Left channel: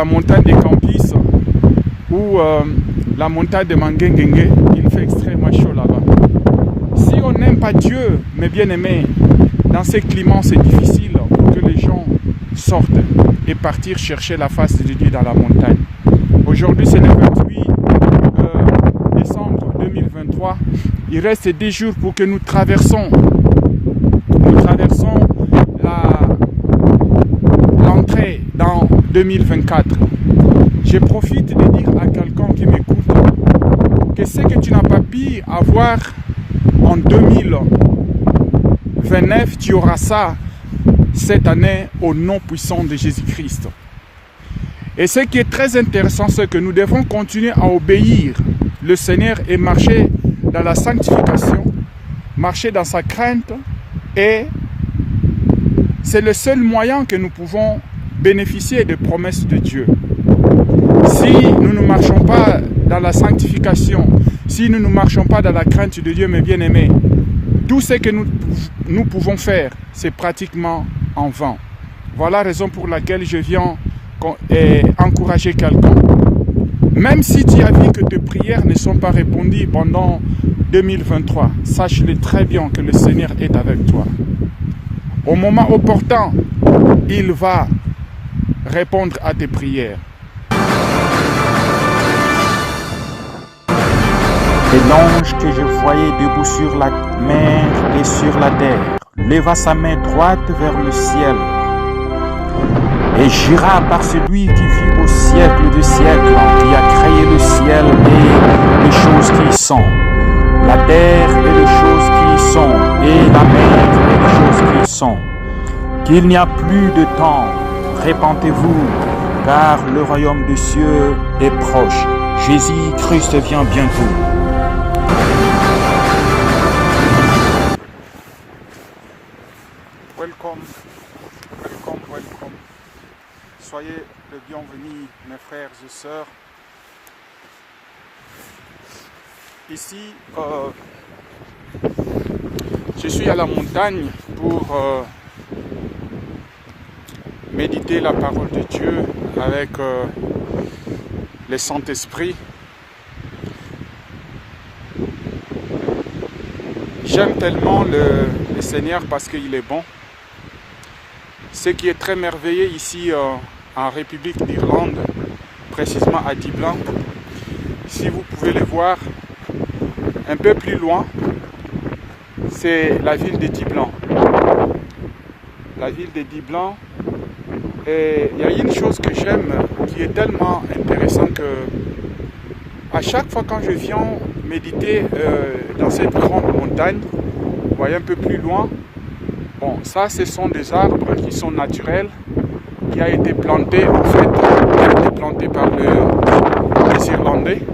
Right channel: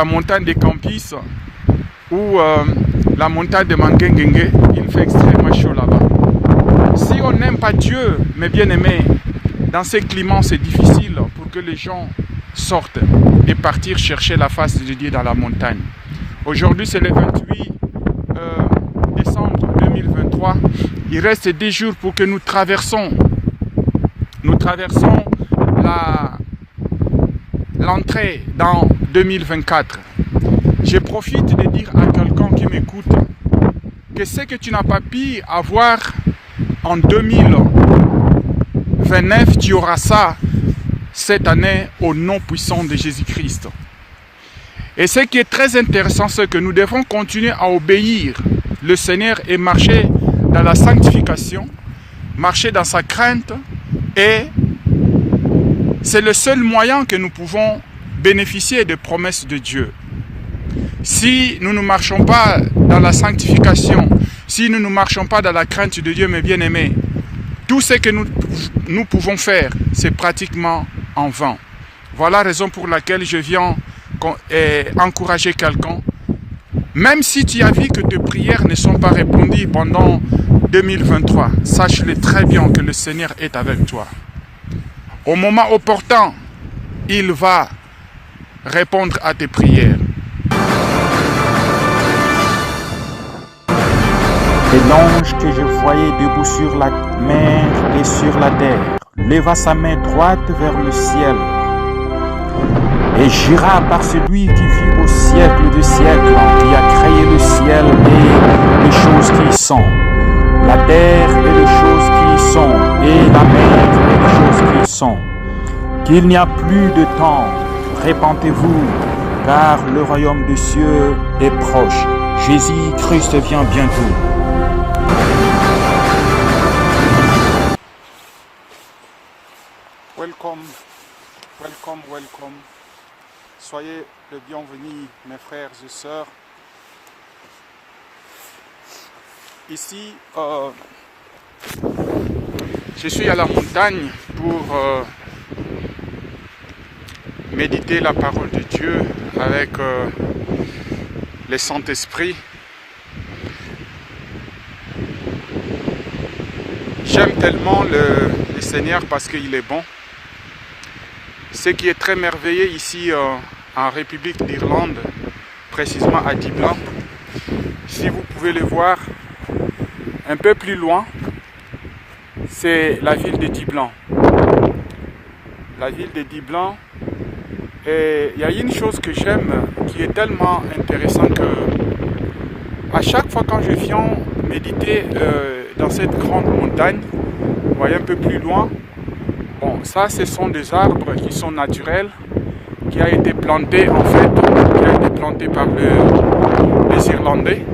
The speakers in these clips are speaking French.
la montagne des Campis ou la montagne de Mangengengue, il fait extrêmement chaud là-bas. Si on n'aime pas Dieu, mes bien-aimés, dans ces climats c'est difficile pour que les gens sortent et partir chercher la face de Dieu dans la montagne. Aujourd'hui c'est le 28 décembre 2023. Il reste 10 jours pour que nous traversons l'entrée dans 2024. Je profite de dire à quelqu'un qui m'écoute que ce que tu n'as pas pu avoir en 2029, tu auras ça cette année au nom puissant de Jésus-Christ. Et ce qui est très intéressant, c'est que nous devons continuer à obéir le Seigneur et marcher dans la sanctification, marcher dans sa crainte, et c'est le seul moyen que nous pouvons bénéficier des promesses de Dieu. Si nous ne marchons pas dans la sanctification, si nous ne marchons pas dans la crainte de Dieu, mes bien-aimés, tout ce que nous pouvons faire, c'est pratiquement en vain. Voilà la raison pour laquelle je viens encourager quelqu'un. Même si tu as vu que tes prières ne sont pas répondues pendant 2023, sache-le très bien que le Seigneur est avec toi. Au moment opportun, il va répondre à tes prières. Et l'ange que je voyais debout sur la mer et sur la terre leva sa main droite vers le ciel et jura par celui qui vit au siècle des siècles, qui a créé le ciel et les choses qui y sont, la terre et les choses qui y sont, et la mer et les choses qui y sont, qu'il n'y a plus de temps. Répentez-vous, car le royaume des cieux est proche. Jésus-Christ vient bientôt. Welcome. Soyez les bienvenus, mes frères et sœurs. Ici, je suis à la montagne pour méditer la parole de Dieu avec le Saint-Esprit. J'aime tellement le Seigneur parce qu'il est bon. Ce qui est très merveilleux ici en République d'Irlande, précisément à Dublin, si vous pouvez le voir un peu plus loin, c'est la ville de Dublin. La ville de Dublin, et il y a une chose que j'aime qui est tellement intéressante que à chaque fois quand je viens méditer dans cette grande montagne, vous voyez un peu plus loin, bon, ça ce sont des arbres qui sont naturels, qui a été planté en fait, qui a été planté par les Irlandais,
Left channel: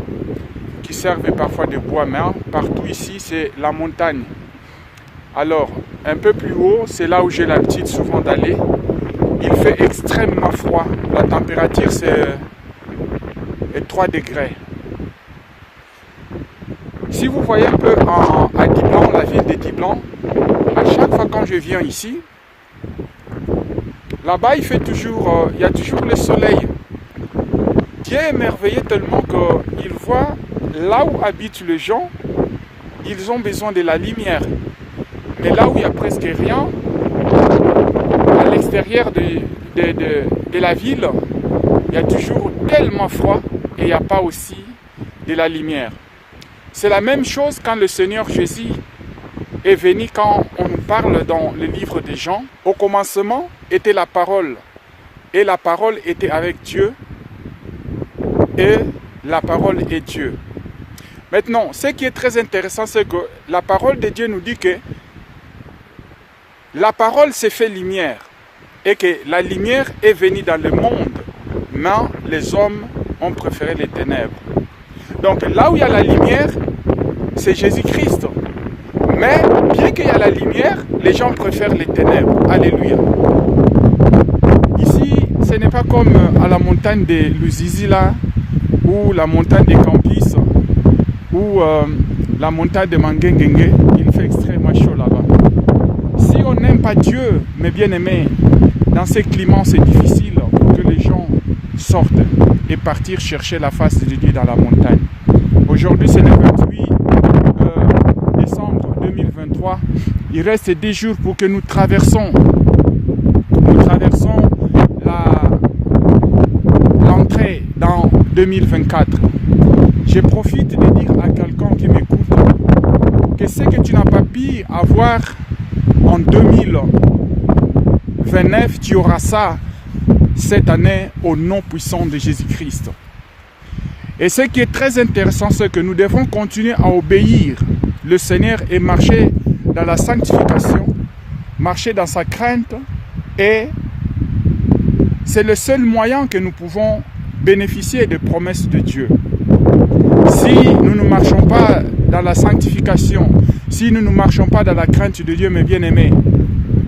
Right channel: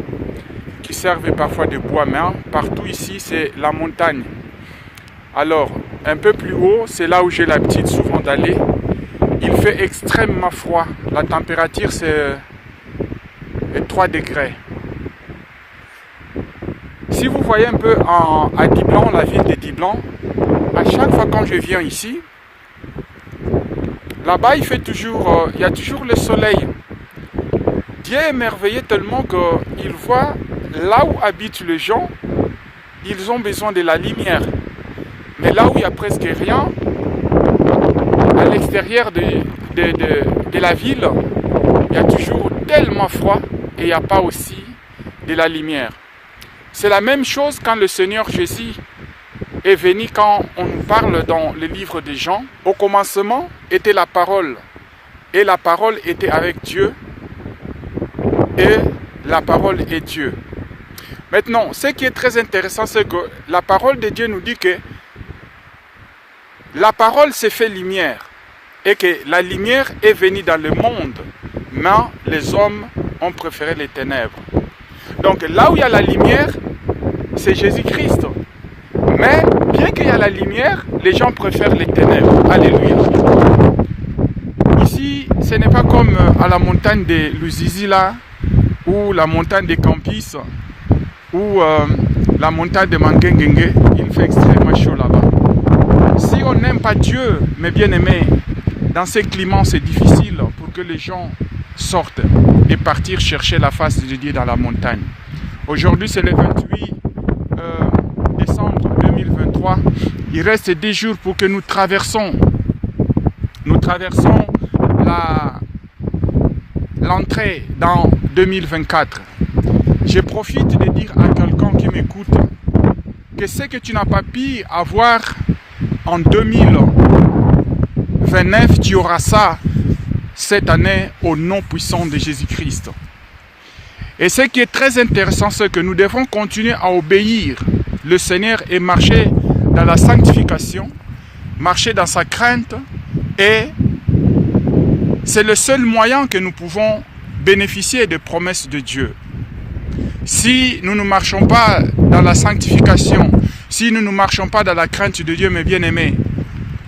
qui servent parfois de bois, mais partout ici c'est la montagne. Alors, un peu plus haut, c'est là où j'ai l'habitude souvent d'aller. Il fait extrêmement froid. La température c'est 3 degrés. Si vous voyez un peu à Dublin, la ville de Dublin, à chaque fois quand je viens ici, là-bas il y a toujours le soleil. Dieu est merveilleux tellement qu'il voit là où habitent les gens, ils ont besoin de la lumière. Mais là où il n'y a presque rien, à l'extérieur de la ville, il y a toujours tellement froid et il n'y a pas aussi de la lumière. C'est la même chose quand le Seigneur Jésus est venu, quand on nous parle dans le livre des Jean. Au commencement était la parole, et la parole était avec Dieu, et la parole est Dieu. Maintenant, ce qui est très intéressant, c'est que la parole de Dieu nous dit que la parole s'est fait lumière, et que la lumière est venue dans le monde, mais les hommes ont préféré les ténèbres. Donc là où il y a la lumière, c'est Jésus-Christ. Mais bien qu'il y a la lumière, les gens préfèrent les ténèbres. Alléluia. Ici, ce n'est pas comme à la montagne de Luzizi là, ou la montagne des Campis, ou la montagne de Mangengengue. Il fait extrêmement chaud là-bas. Si on n'aime pas Dieu, mes bien-aimés, dans ces climats c'est difficile pour que les gens sortent et partir chercher la face de Dieu dans la montagne. Aujourd'hui, c'est le 28 décembre 2023. Il reste 10 jours pour que nous traversons l'entrée dans 2024. Je profite de dire à quelqu'un qui m'écoute que ce que tu n'as pas pu avoir en 2029, tu auras ça cette année au nom puissant de Jésus-Christ. Et ce qui est très intéressant, c'est que nous devons continuer à obéir le Seigneur et marcher dans la sanctification, marcher dans sa crainte, et c'est le seul moyen que nous pouvons bénéficier des promesses de Dieu. Si nous ne marchons pas dans la sanctification, si nous ne marchons pas dans la crainte de Dieu, mes bien-aimés,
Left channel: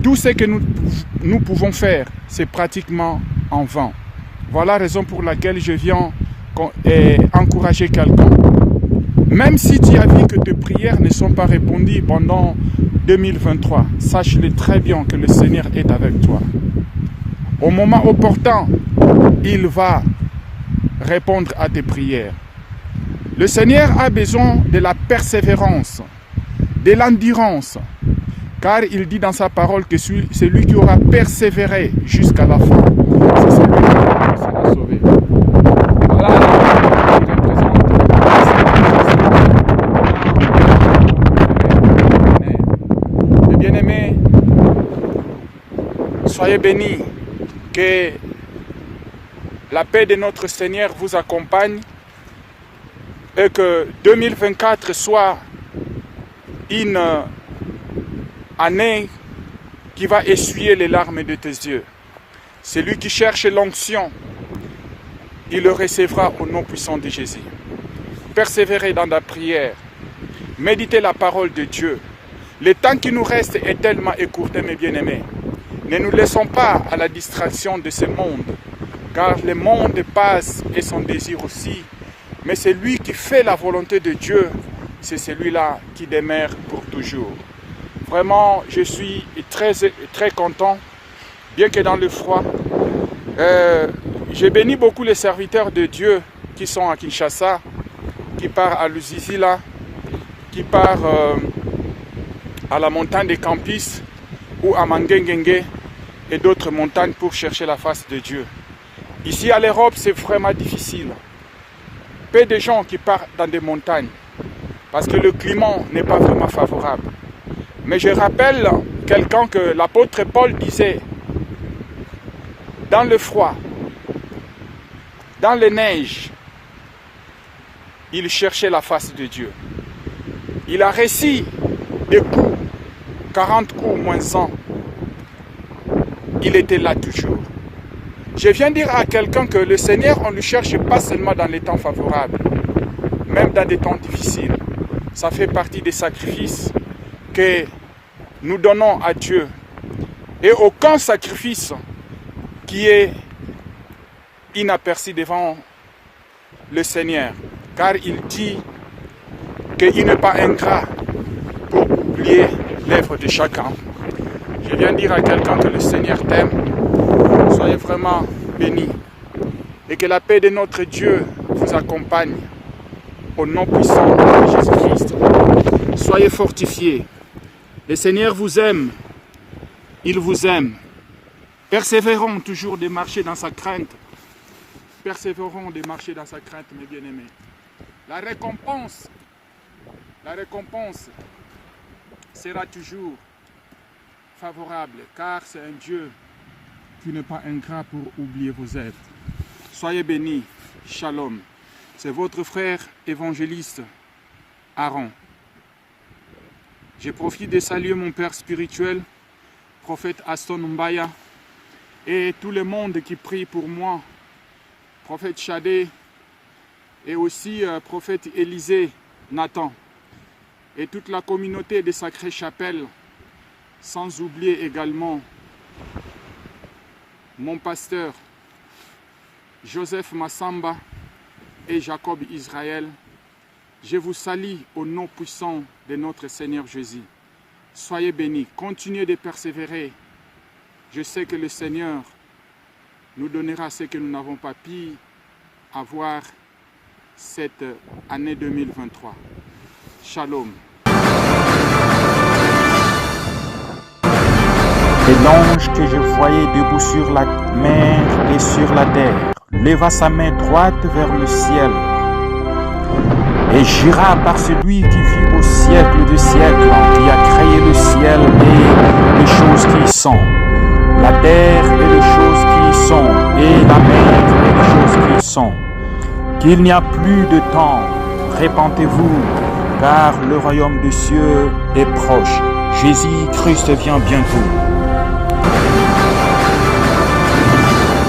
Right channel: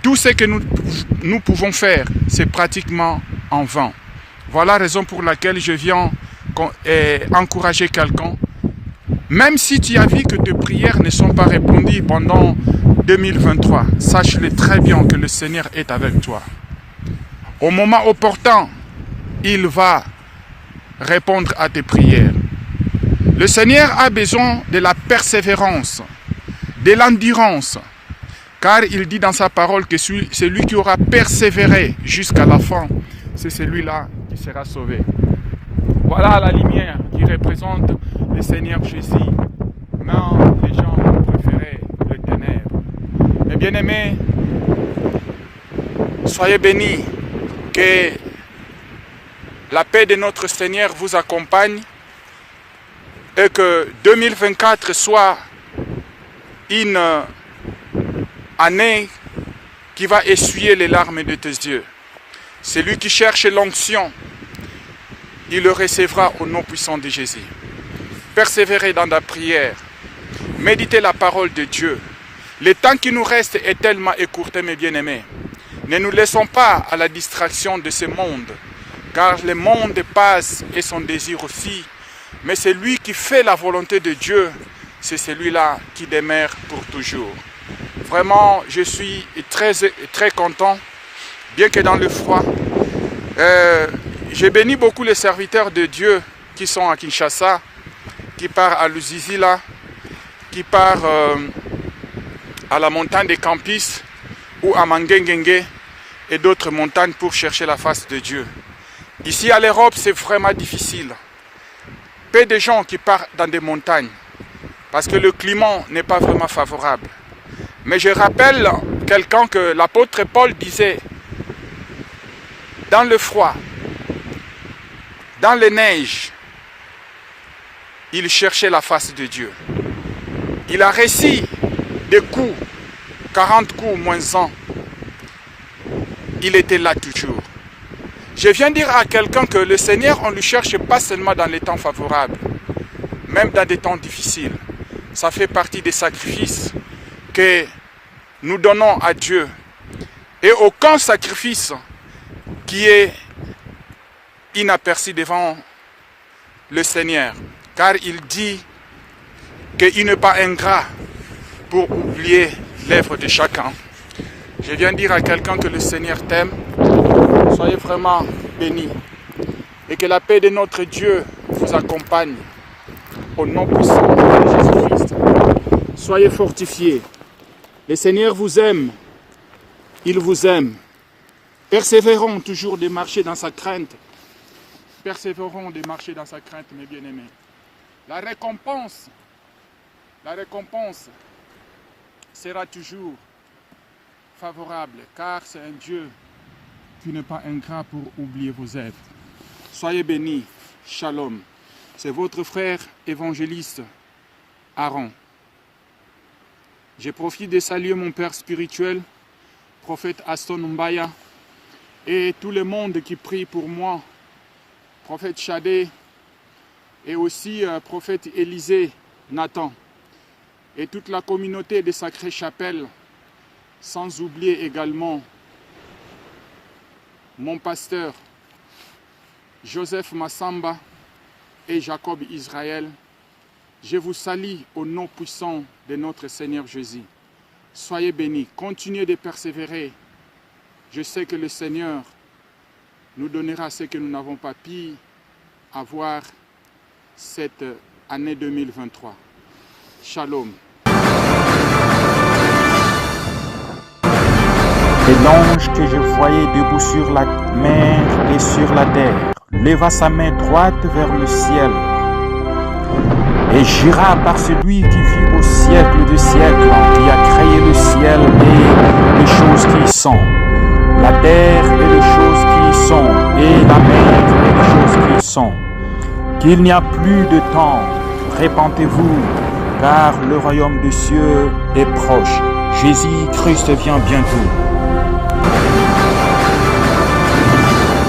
tout ce que nous pouvons faire, c'est pratiquement en vain. Voilà la raison pour laquelle je viens encourager quelqu'un. Même si tu as vu que tes prières ne sont pas répondues pendant 2023, sache-le très bien que le Seigneur est avec toi. Au moment opportun, il va répondre à tes prières. Le Seigneur a besoin de la persévérance, de l'endurance, car il dit dans sa parole que celui qui aura persévéré jusqu'à la fin, c'est celui-là qui sera sauvé. Voilà la lumière qui représente le Seigneur. Les bien-aimés, soyez bénis, que la paix de notre Seigneur vous accompagne et que 2024 soit une année qui va essuyer les larmes de tes yeux. Celui qui cherche l'onction, il le recevra au nom puissant de Jésus. Persévérez dans la prière. Méditez la parole de Dieu. Le temps qui nous reste est tellement écourté, mes bien-aimés. Ne nous laissons pas à la distraction de ce monde, car le monde passe et son désir aussi. Mais celui qui fait la volonté de Dieu, c'est celui-là qui demeure pour toujours. Vraiment, je suis très, très content, bien que dans le froid. Je bénis beaucoup les serviteurs de Dieu qui sont à Kinshasa, qui partent à Lusizila, qui partent à la montagne des Campus ou à Mangengenge et d'autres montagnes pour chercher la face de Dieu. Ici à l'Europe, c'est vraiment difficile. Peu de gens qui partent dans des montagnes parce que le climat n'est pas vraiment favorable. Mais je rappelle quelqu'un que l'apôtre Paul disait, dans le froid, dans les neiges, il cherchait la face de Dieu. Il a réussi des coups, 40 coups moins 100. Il était là toujours. Je viens dire à quelqu'un que le Seigneur, on ne le cherche pas seulement dans les temps favorables, même dans des temps difficiles. Ça fait partie des sacrifices que nous donnons à Dieu. Et aucun sacrifice qui est inaperçu devant le Seigneur. Car il dit qu'il n'est pas ingrat pour oublier l'œuvre de chacun. Je viens dire à quelqu'un que le Seigneur t'aime. Soyez vraiment bénis. Et que la paix de notre Dieu vous accompagne. Au nom puissant de Jésus-Christ. Soyez fortifiés. Le Seigneur vous aime. Il vous aime. Persévérons toujours de marcher dans sa crainte. Persévérons de marcher dans sa crainte, mes bien-aimés. La récompense sera toujours favorable, car c'est un Dieu qui n'est pas ingrat pour oublier vos êtres. Soyez bénis. Shalom. C'est votre frère évangéliste Aaron. Je profite de saluer mon père spirituel, prophète Aston Mbaya, et tout le monde qui prie pour moi, prophète Chadé, et aussi prophète Élisée Nathan, et toute la communauté de Sacrée Chapelle, sans oublier également mon pasteur Joseph Massamba et Jacob Israël. Je vous salue au nom puissant de notre Seigneur Jésus. Soyez bénis, continuez de persévérer. Je sais que le Seigneur nous donnera ce que nous n'avons pas pu avoir cette année 2023. Shalom. Et l'ange que je voyais debout sur la mer et sur la terre leva sa main droite vers le ciel et jura par celui qui vit au siècle des siècles, qui a créé le ciel et les choses qui y sont, la terre et les choses qui y sont, et la mer et les choses qui y sont, qu'il n'y a plus de temps. Répentez-vous, car le royaume des cieux est proche. Jésus-Christ vient bientôt.